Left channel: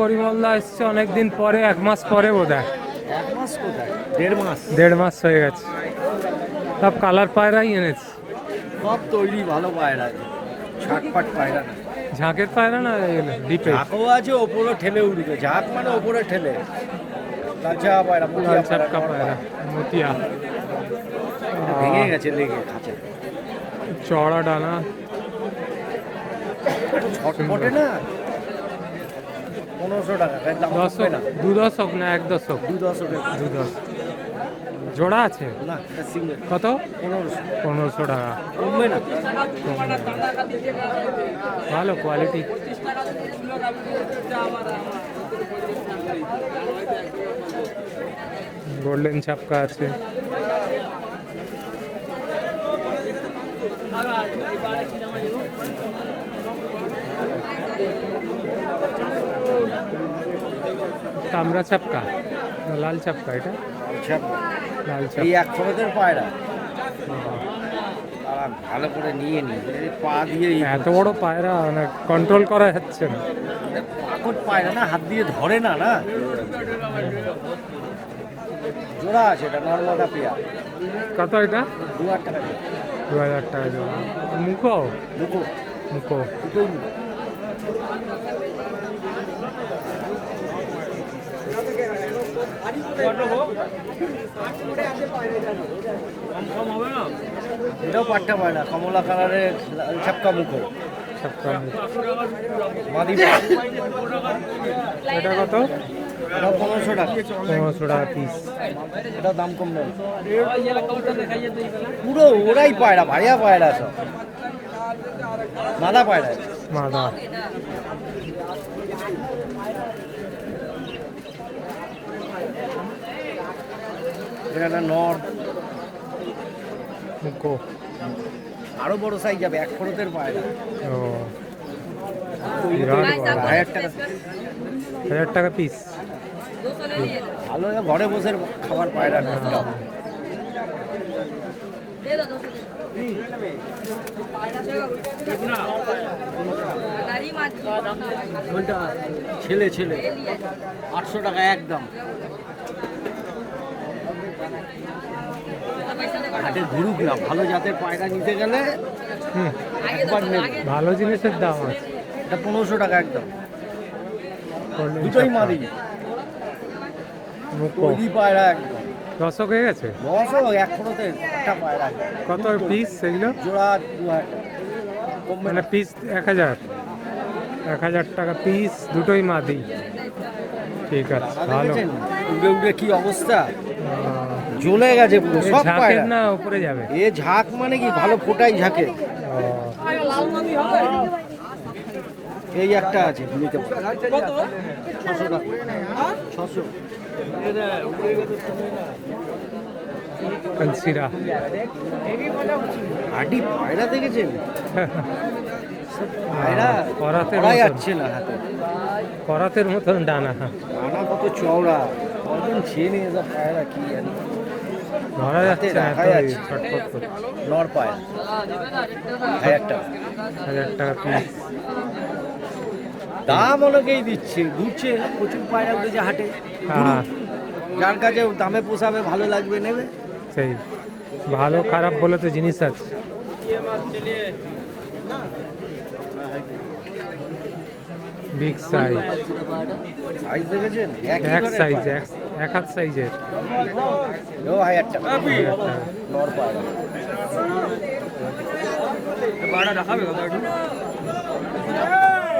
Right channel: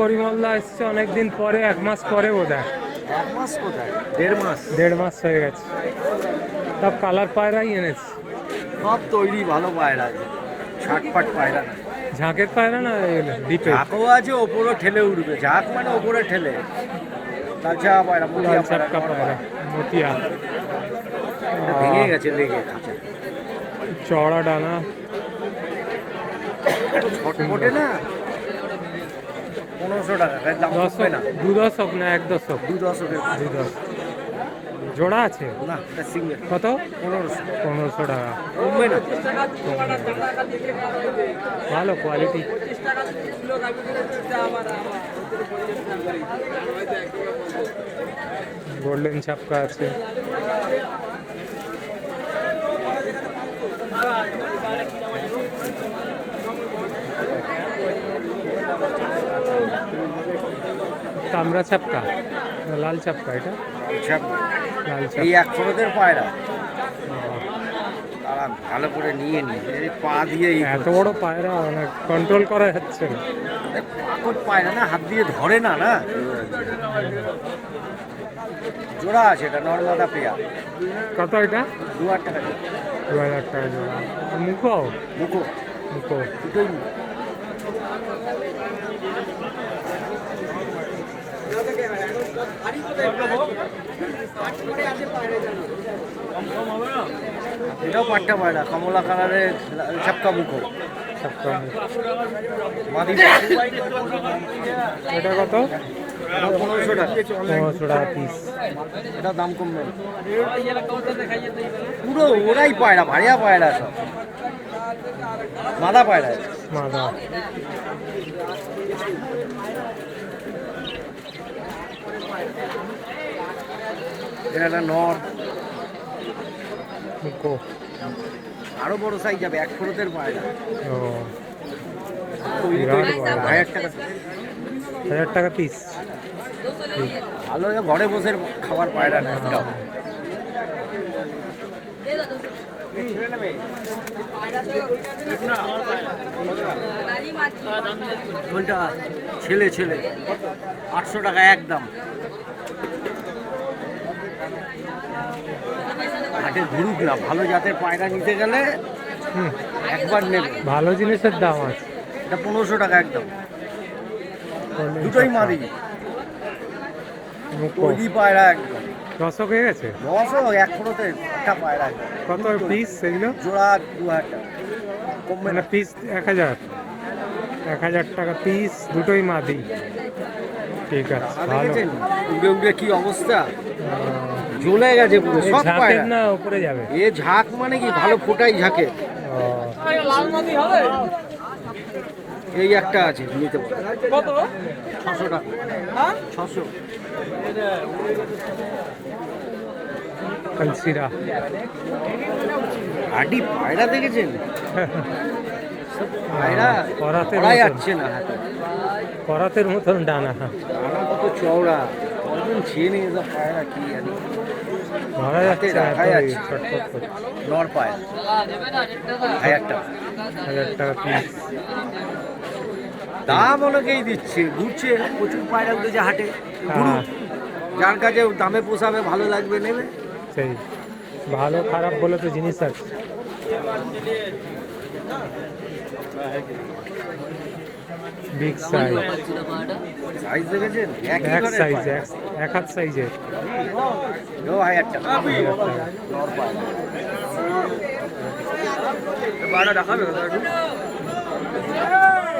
পরিমলদা এসছে অনেকদিন পরে, 1 মাস পরে বোধহয়। 1 মাস কোথায়, 1.5 মাস। 1.5 মাস হয়ে গেছে। সব কালার পায়রাই এনেছে। সব তৈরি ভালো পায়রা আছে, ছাটপাট পায়রা না। ঝাঁকের পায়রা না ডিপে? ঝাঁকও আছে, ওপরে ঠেলে উঠবে। ঝাঁক মানে ওপরে ঠেলে। লালচা পায়রা, লাল চাপকা পায়রা, মতিয়া। ভেঙে গেছে লেগে খাঁচা। চড়া ডানা, ছটফটে না। 1500 টাকা দাম, কমবে না। 2 দশক না 1 দশক? 2 দশকের 2 দশক। জোড়া আছে না, সিঙ্গেল। কত? 1500। 1500 টাকা। কমবে না। ভালো কোয়ালিটি। গোল্ডেন ছাপকা আছে। তামরা ছাপকা না লাল ছাপকা? এটা লাল ছাপকা। এই 1 ফোরকের পায়রা তারা ভালো করে নিয়ে নি, পা দিয়ে। এত বড় পায়রা মানে কন্ট্রোল করা যাচ্ছে না। পাকট পায়রা না, হাত দিয়ে ধরে না। না জোড়া আছে, এটা নর্মাদা পেয়ার। কত এটা? 2000 টাকা। 2000 টাকা জোড়া। মুখো মুখো মুখো দুটোই মুখো। এটাও পাট্টা পায়রা, কমলা কালারের ছাপকা মুখো। ছাপকা মুখ। মাদি। এটা কত? 1500 টাকা। 1500 টাকা পিস। এটা দাম কমবে না। পুরো ওরাই পায়রা, ভাইয়া পায়রা সব। মাদা পায়রা। মাদা। এটা একটা নর। মুখো আরো বড় সাইজ যাবে, 1 ফোরকের পায়রা। ও বিরাট বড়। 1000 টাকা। 1000 টাকা পিস। ভালো, ঘরে বসে খাবার পায়রা না একটা। কোনটা? ছেলে 800 টাকা একদম। হাটে ঘুরুক না, ভালো জাতের পায়রা নিতে গেলে একবার নেবে। ভালো জিনিসের দাম আছে। এটা 1500 টাকা একদম। Golden দুটোই ছাপকা। মাদি। মুখো তৈরি পায়রা একদম। দশক হয়ে গেছে। 1 ফোরতে একটা পায়রা। কত পিস সেগুলো? জোড়া 2000 টাকা। কমবে মানে না। পিস 1000 টাকা পিস, দুটোই মাদি। ঠিক আছে, ভালো। উড়ে উড়ে কি অবস্থা, জ্বলে গেছে পুরো সব ঝাঁকের পায়রা। না উপরে যাবে? এ ঝাঁক মানে কি, ভালো ফোটাই ঝাঁকে। এই একটা আছে, নিতে পারো। 600 টাকা। 600। কলসিরা। হাডি পায়রা দেখেছেন? সব পায়রা করাতের পড়া মতন। যাচ্ছে না হাতে। করাতের মতন ডানা। ডানা কত চওড়া, কজন চেনে এসব পায়রা, কি জানি। ধরা যাচ্ছে না, দেখা এত যাচ্ছে। ছটফট করছে। নর পায়রা 1000 টাকা। 1000 টাকা পিস। দাম অনেকেই দিচ্ছে, ঘুরছে, প্রচুর পায়রা উঠেছে হাটে। হ্যাঁ। যার কাছে দামে পোষাবে, ভালো লাগবে, নেবে। সেই ভালো খারাপ বলে তো জিনিস আছে। Big size. সাইজ দেখেছেন? এক সাইজ, এক হাত সাইজের। 1000 টাকা। 1000 টাকা। নর পায়রা।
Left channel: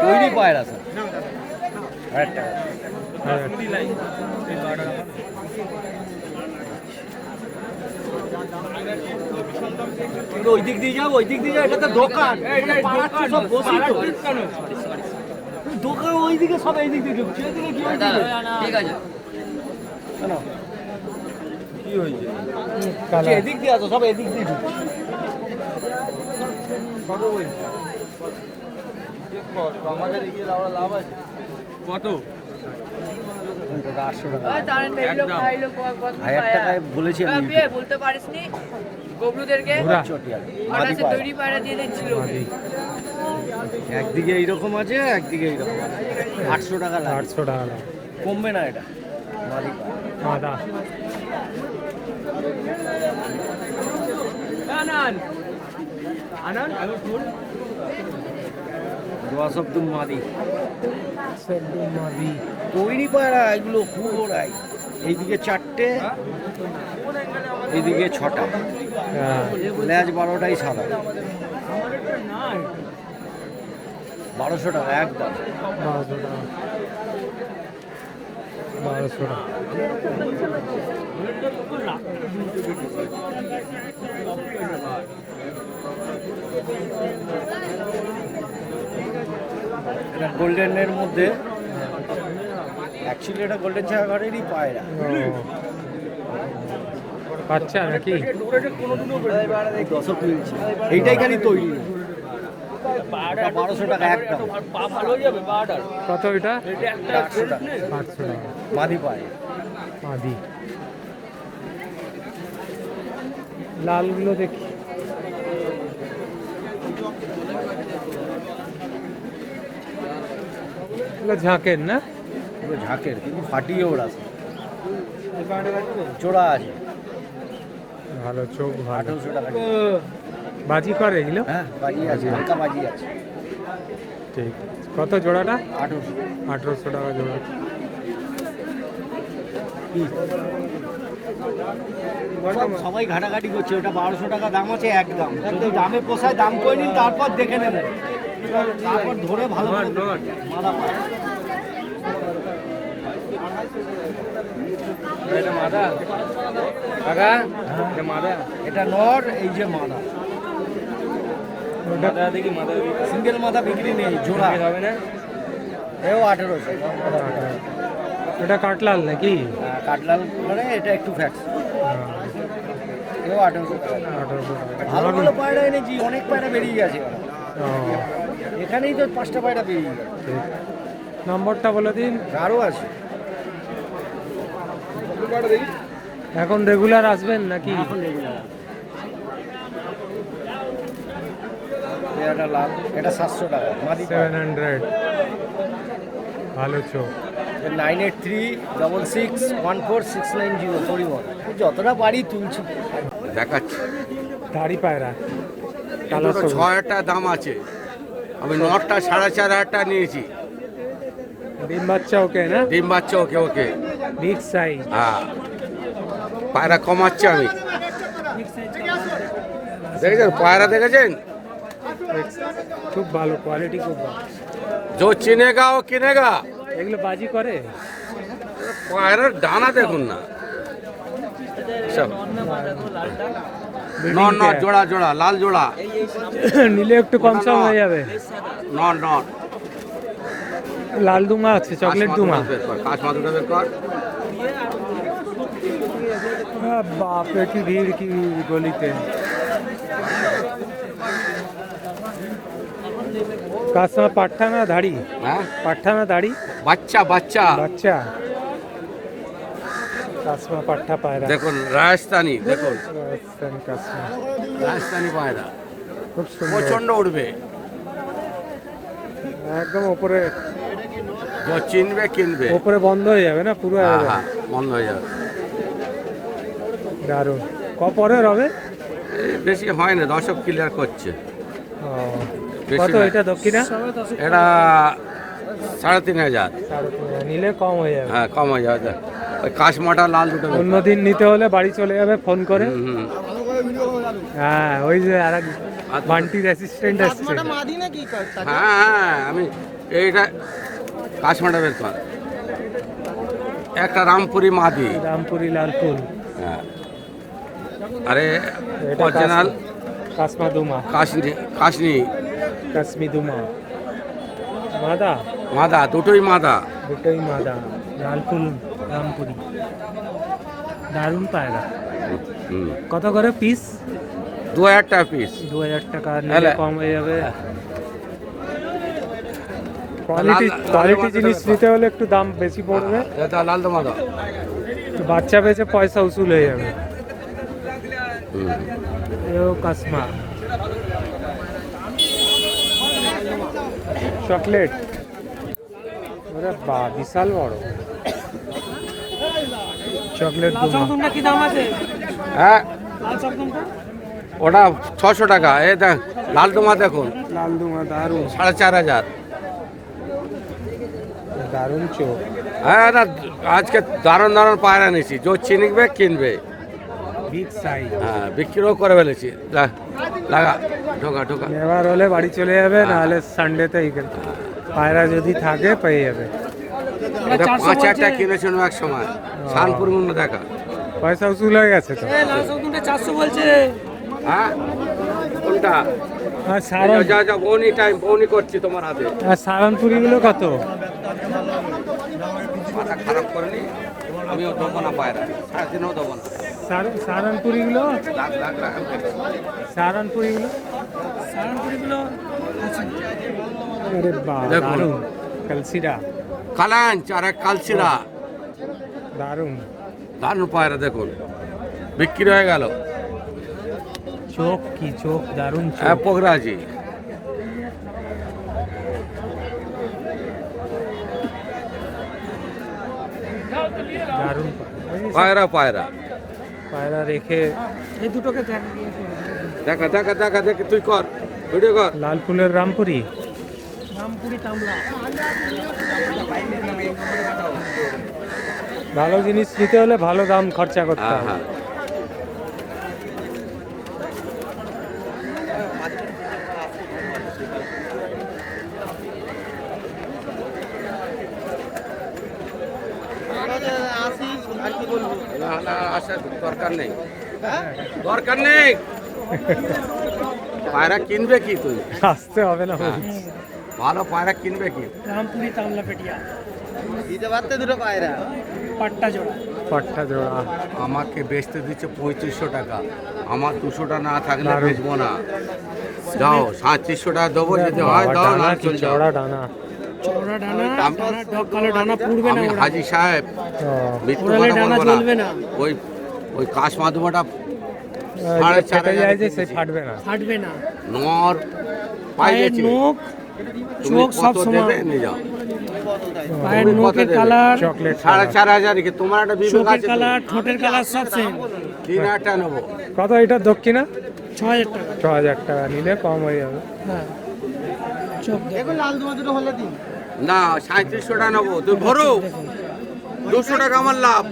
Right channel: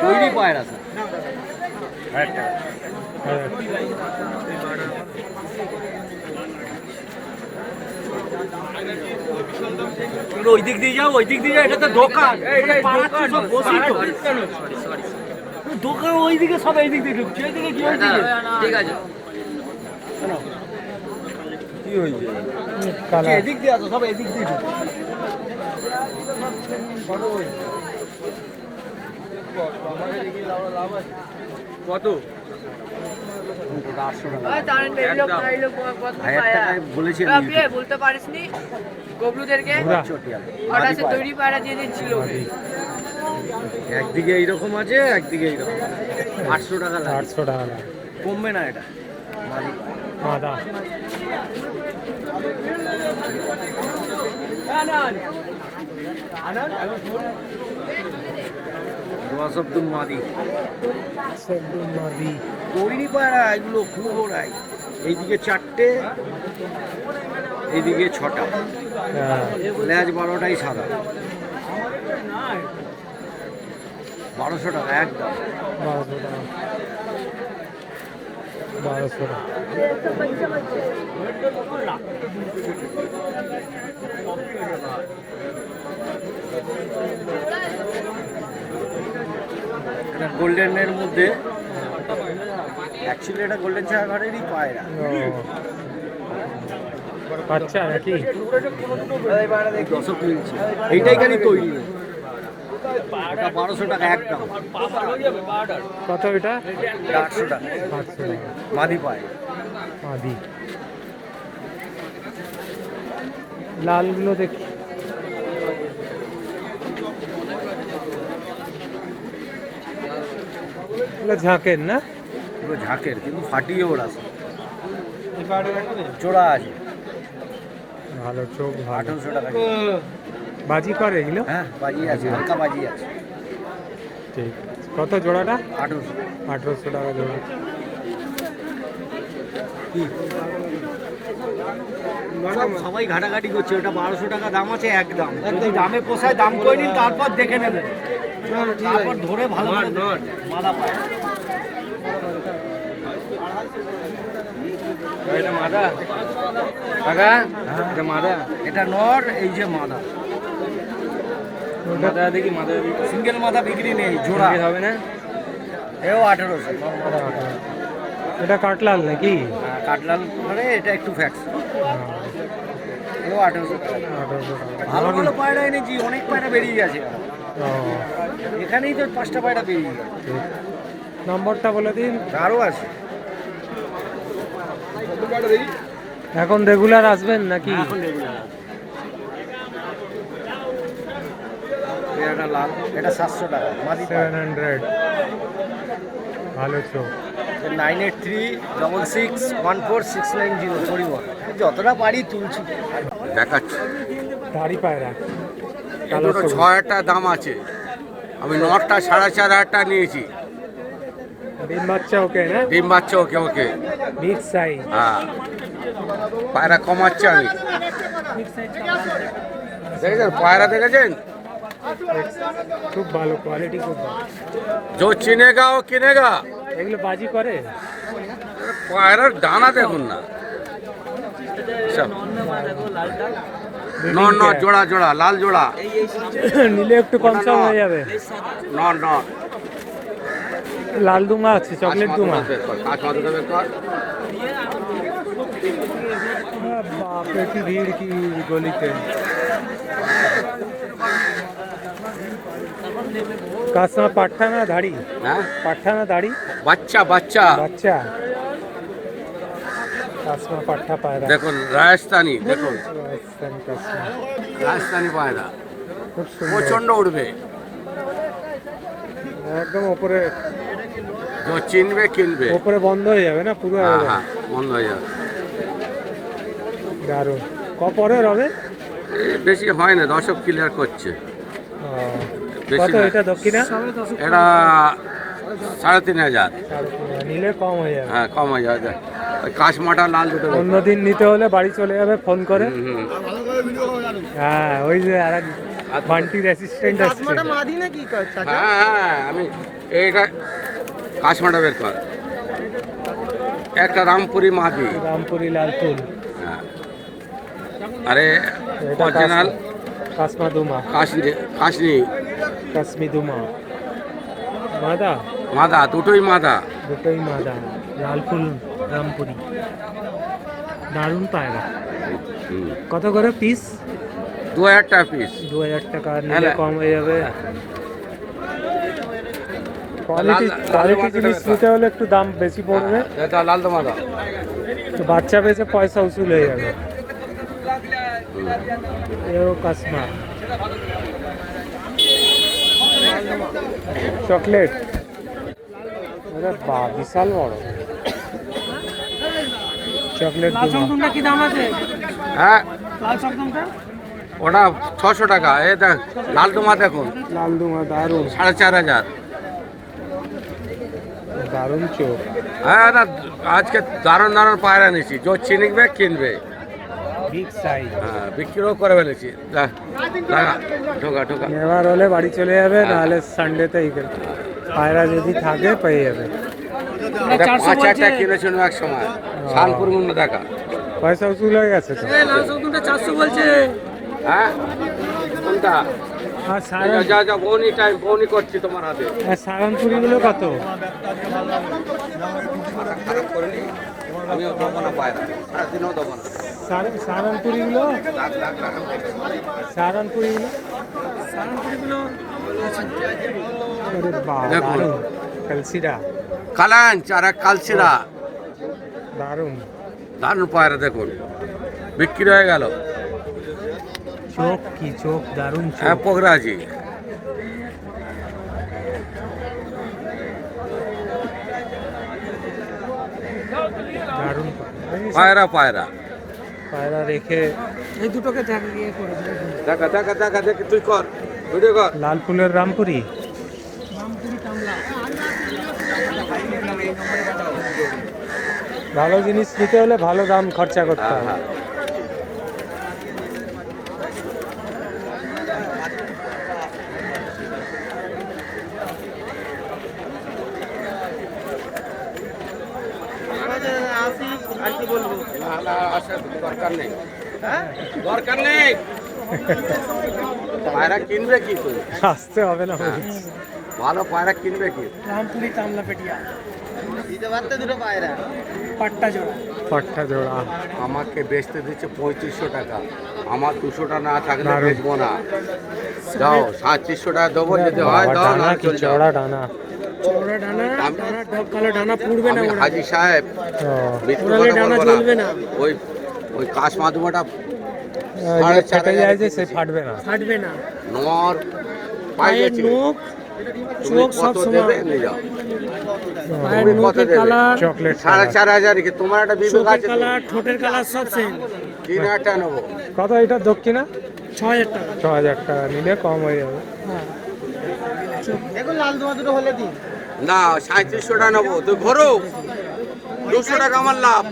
তৈরি পায়রা স্যার, 1000 টাকা। 1000 ওই দিক দিয়ে যাও, ওই দিক দিয়ে যাও, এটা তো দোকান। এখানে পাড়াচ্ছে সব বসি তো। দোকান ওই দিকে, সব এই দিক দিয়ে ঢুকছে। এদিকে কি হয়েছে? ঠিক আছে। কেন? কি হয়েছে? কালার। এদিক দিয়ে আসো, সব এদিক দিয়ে ঢুকছে। কত? 800 টাকা। 1000 টাকায় বলেছি আমি। বলতে পারিসনি গবলুদেরকে ঘোড়া। তৈরি পায়রা দিয়ে দিচ্ছিল। মাদি। একদিকে এইরকম আছে, একদিকে এইরকম 800 টাকা লাগে। 800 টাকা লাগে। কমবে না এটা মাদি মাদা দোয়া সবদুম মাদি সবদুম মাদি। কইনি পায়রা এগুলো খুব ওড়াই। এইদিকে 4টে, এইদিকে 6টা, হ্যাঁ লেজ 12টাই সাদা। 1200 টাকা একদম। 1200 টাকা। 1200 টাকা। এটা গোল্ডেনের মধ্যে, অ্যাকচুয়ালি এটা গোল্ডেন ছায়াঘরেরই পায়রা। ও বাচ্চা নাকি? এই দশক মিলছে, এইটাই খালি তৈরি নেই। এটা 1200 টাকা একদম। কত এটা? 800 টাকা 800 টাকা মাদি পায়। মাদি। লালগুলো দেখি। এগুলো ঝাঁকের না? পুরো ঝাঁকের, কিন্তু ফাটিয়ে ওরা জোড়া আছে। ভালো চোখ ভালো। 1800 টাকা। বাজি করে এগুলো? হ্যাঁ বাজি আছে, হালকা বাজি আছে। ঠিক। কত জোড়াটা? 1800। 1800 টাকা জোড়া। সবাই ঘাটাঘাটি করছে, ওটা 1200 টাকা দাম আছে একদম। যদি দামে পোষায় দাম করে নিন, তারপর দেখে নেবেন, তারপর ধরে ভালো করে দেবেন। মাদা পায়। এটা নর, এই যে মাদা। ওটা দেখি মাদা, সিঙ্গেল মাদা বিক্রি নেই, জোড়া হবে না। এও 1800। এটা কাটলাল নাকি? কাটলাল মানে এটা একটু ফ্যাক্স। এও 1800 টাকা। 1800 টাকা। ভালো ভালো পায়রা এনেছি, অনেক পায়রা বেরিয়ে গেছে আমার। ও, এখানেই তো 5টা পায়রা বেরিয়ে গেছে। ঠিক। নম্বরটা বলে দিন। আরও আছে। এখন রেগুলার আসবেন নাকি? এখন রেগুলার আছে। এটা লাল, এটা 700 টাকা মাদি। 700। ভালো চোখ। 9836614690 পরিবহন। যতটা পারি তুলছি। দেখাচ্ছি। দাড়ি পায়রা। দুটো 6000 টাকা দাম আছে। আমি নটটা 4500 টাকা নিয়েছি। ডিম বাচ্চা ওকে না? ডিম বাচ্চা ওকে ওকে। Big size. হ্যাঁ, পায়রা কমাচ্ছি আমি। দেখেছেন পায়রা, দেখেছেন? খুব ভালো কোয়ালিটি, খুব ভালো। जो চিনেগা ও কিনেগা। এগুলো বাজি করে? পায়রার ডানা দেখুন না সব। Breeding নর নর pair। জোড়া জোড়া, লাল জোড়া। নিলে একটু কম সম হয়ে যাবে। নর নর। লাল দুমা আছে, চকলেট দুমা। बाप रे की भीड़ की गोली पे। कासमा पाठा ना दाढ़ी? হ্যাঁ, पाठा ना दाढ़ी? বাচ্চা বাচ্চা। बच्चा। कासमा पाठा पायरा। দেখুন রাজস্থানি, দেখুন राजस्थान कासमा। রাজস্থানি পায়রা খুব সুন্দর। প্রচন্ড উঠবে। একদম উপরে, যে চিনবে কিনবে। উপরে বন্ধ হয়ে যাবে না পুরো? হ্যাঁ একদম হ্যাঁ, বন্ধ হয়ে যাবে। দারুণ। কপরের হবে? বেশি হয় না, দর্শক ক্লিয়ার করছে। ও, বেশি কত না। এটা দক্ষিণা? এটা 3500। 3.5 নিলে কম হয়ে যাবে। হ্যাঁ, কম হয়ে যাবে। ওই কাশমাটা লাল দুটো। অন্যদিন নিতে হলে বাড়ি চলে যাবে ফোন করে। হুম, হুম। হ্যাঁ, ওই যে আর এক বান্টির অ্যাসিস্ট্যান্ট আসছে। হ্যাঁ হ্যাঁ, আমি এইটা কাশমাটা বের কর। একটা রামপুরি মাদি। রামপুরি লাল ফুল। হ্যাঁ, আরে এটা অরিজিনাল কাসমা দুমা। কাশনি কাশনি কাশ্মী দুমা। মাদা? মাদা, দুটোই মাদা। দুটোই মাদা। লাল ফুল রামপুরি। দারুণ পায়রা। হুম, কত করে পিস? 2000 টাকা পিস। 2000 টাকা নিলে কম হয়ে যাবে। কোয়ালিটি জিনিস নিতে হলে একটু দাম বেশি পড়বে। এটা লাল তো মাদা। তো বাচ্চা বেচে পয়সা উসুল হয়ে যাবে। এও কাসমা। চকলেট, আরে বা বিশাল বড় চকলেট লাল দুমা। চমচমটা কি দাম আছে? হ্যাঁ লাল চমচমটা ওটা 600 টাকা। এ দেখ লাল তোমার দেখুন লাল দুমা দারুণ, 4500। দারুণ চোখ। হ্যাঁ না আজকে দারুণ দারুণ পায়রা নিয়েছি, যে চিনিকবে কিনবে। Big size. হ্যাঁ বিক্রিও করে ফেলেছি। লাগা ঢোকা ঢোকা। নেওয়ার হলে বাড়ি চলে যাবে, নাহলে সানডেতে পায়রা যদি থাকে পেয়ে যাবে। এটা 400 5 বলছে। টাকা কিনেছিল এক সময় শানপুর মুন্ডে দেখা। পয়সা উসুল হয়ে গেছে তো। লাল চমচমটা 400 বলছে। হ্যাঁ কোনটা? আর সারান, যা যা বৌনি টাইম বৌনি করছি তোমার হাতে। আর সারানপুরিগুলো কত? মাথা খারাপ করেনি, আমিও দেবো না পায়রা, সারাদিনও দেবো না। সারানপুরিগুলো, লাখ লাখ টাকা। সারানপুরিগুলো আরে বাহ দেখুন। দারুণ, কালসিরা কালাঞ্চ আর এক কালসিরা, দারুণ। দারুণ পায়রা দেখুন বিক্রি হয়ে গেল। চোখ কি চোখ, দারুণ হ্যাঁ চোখ। পোগরাজি। দারুণ পায়রা পায়রা পায়রা রেখে। এই দুটোকে করে দেখা দেখা দেখা দেখি, তুই কর ভিডিও কর। লাল ফুলের রামপুরি, রামপুরি কামলা। ভালো জিনিস নিতে হলে ভালো দাম খরচা করতে হবে। না না আসে দরকার নেই, দরকার নেই। পায়রা কিনবে কি তুই? আসতে হবে না বলছি। ভালো পায়রা কিনবে কি? রামপুরি তামলা পেটিয়া পাট্টা জোড়া। পাট্টা জোড়া আমাকে বেচতে দিচ্ছে 3500 টাকা, আমার 200 টাকা না থাকলে দারুণ। বেচবো না। দাও 3700 টাকা দেবো, যদি হয় বাবা, দাও, ডানা না কি চলে যাও। চড়া ডানা। চওড়া ডানা, ডানা ডগ কালো ডানা পুড়বে না আমি ওরা। হাজি সাহেব ও, মৃত্যু ওরালে কথা ডানা বলবো না। জ্বলবে না। ওই ওই কাশ মাধ্যমটা যে ফেটে যায় যে সে ফাটবে না। ফাটবে না। নর পায়ের পাইবেছে, নখ, তুমি চোখ সব কত সমান। দেবে নিয়ে যাও। পায়ের তুমি কত নখের দেবে? Colour, chocolate colour. 4500 কি তোমার একটা বিবেক চোখের আছে তো? কালার, ঠোঁটের কালার সব সেম। 3000 টাকা নেবো। কত এটা দক্ষিণা? 6000 টাকা। 6000 টাকা নিলে কম হয়ে যাবে। হ্যাঁ। দেখো লাল দোয়া দুটো হলে দিন। না 3700 টাকা নেবো, তুই ভরো 200 টাকা আমার লাভ।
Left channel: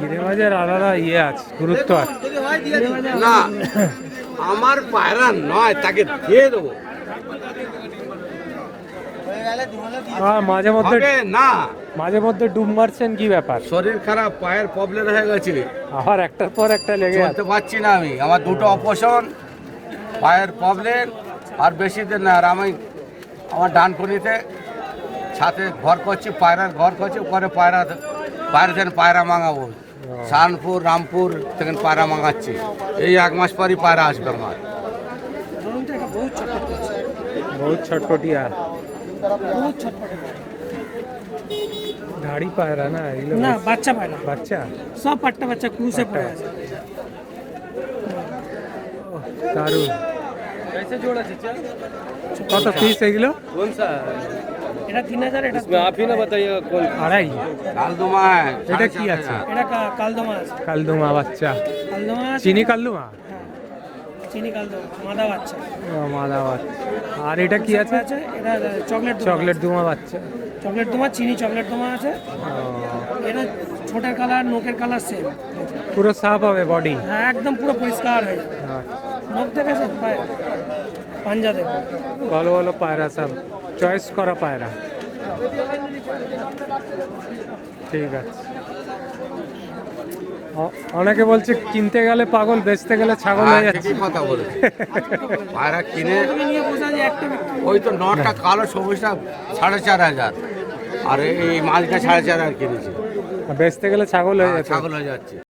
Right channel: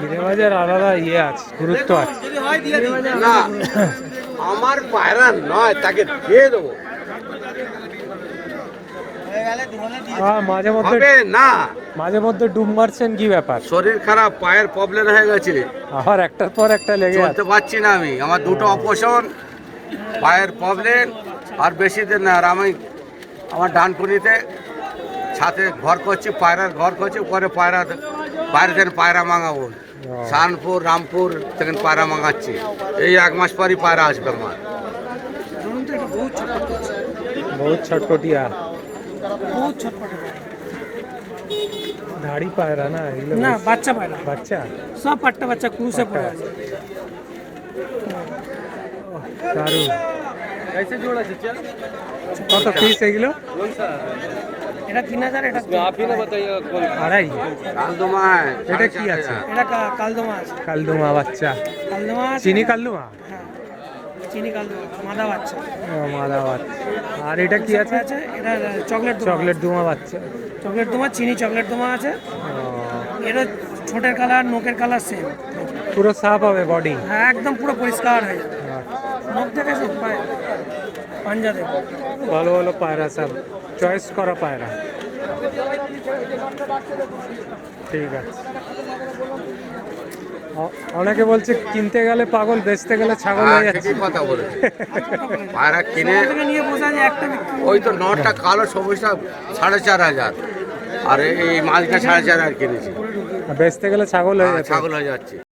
গিরিবাজের আলাদা আছে, গুরুত্ব আছে। যদি হয় দিয়ে দিন। না আমার পায়রা নয়, তাকে দিয়ে দেবো। আর মাঝে মধ্যে, হবে না, মাঝে মধ্যে ডুব মারছেন, কি ব্যাপার? শরীর খারাপ, পায়ের প্রবলেম হয়ে গেছে, আবার একটার পর একটা লেগে চলতে আছে। পারছি না আমি। আমার দুটো অপারেশন, পায়ের প্রবলেম, আর বেশি দিন না। আর আমি আমার ডানকুনিতে ছাতে ঘর করছি, পায়রার ঘর করছি, পরে পায়রা বাইরে থেকে পায়রা মাঙাবো। শানপুর রামপুর থেকে পায়রা মাঙাচ্ছি, এই 1 মাস পরই পায়রা আসবে আমার। ধরুন তো এটা বহুত ছটফট করছে। বহুত ছটপটিয়া, বহুত ছটফট। ধাড়ি পায়রা না এগুলো? না বেশ- বাচ্চা পায়রা, বাচ্চা সব পাট্টা বাচ্চা ক্রুসে পাট্টা পড়ে আছে। দারুণ। কত পিস এগুলো? এটা 3000, এটা আড়াই। কালদুমা এটা কি আছে? এটা কালদমা আছে। কালদুমা বাচ্চা, কালদমা আছে। চিনি কালদুমা। হ্যাঁ, চিনি কালদমা মাদা বাচ্চা মাদা বাচ্চা। আর এটা কি আছে? আছে। এটা চকলেট দোমা। চকলেট দুমা বাচ্চা। চকলেট দোমা, চিনি চকলেট দোমা আছে। ও, এটা ছোটের কালার, নোকের কালার সেম। পুরো সাফ হবে বডি। হ্যাঁ, একদম পুরো পরিষ্কার হয়ে যাবে। নখ দেখেছে পায়ে, পাঞ্জা দেখো। ভালো ভালো পায়রা, সব চয়েস করা পায়রা। ঠিক আছে। অনেকে বলছে কিনতে গেলে পাগল, বেচতে গেলে ছাগল হয়ে যাচ্ছে। ঠিকই কথা বলে। পায়রা কিনে থেকে নিয়ে বোঝা যায় একটা বিক্রি। ওই তো নটা কালো সবুজটা 4500, আর এই মাছটা 4500 কিনেছি। বেচতে গেলে ছাগল হয়ে যাচ্ছে। ছাগল হয়ে যাচ্ছে।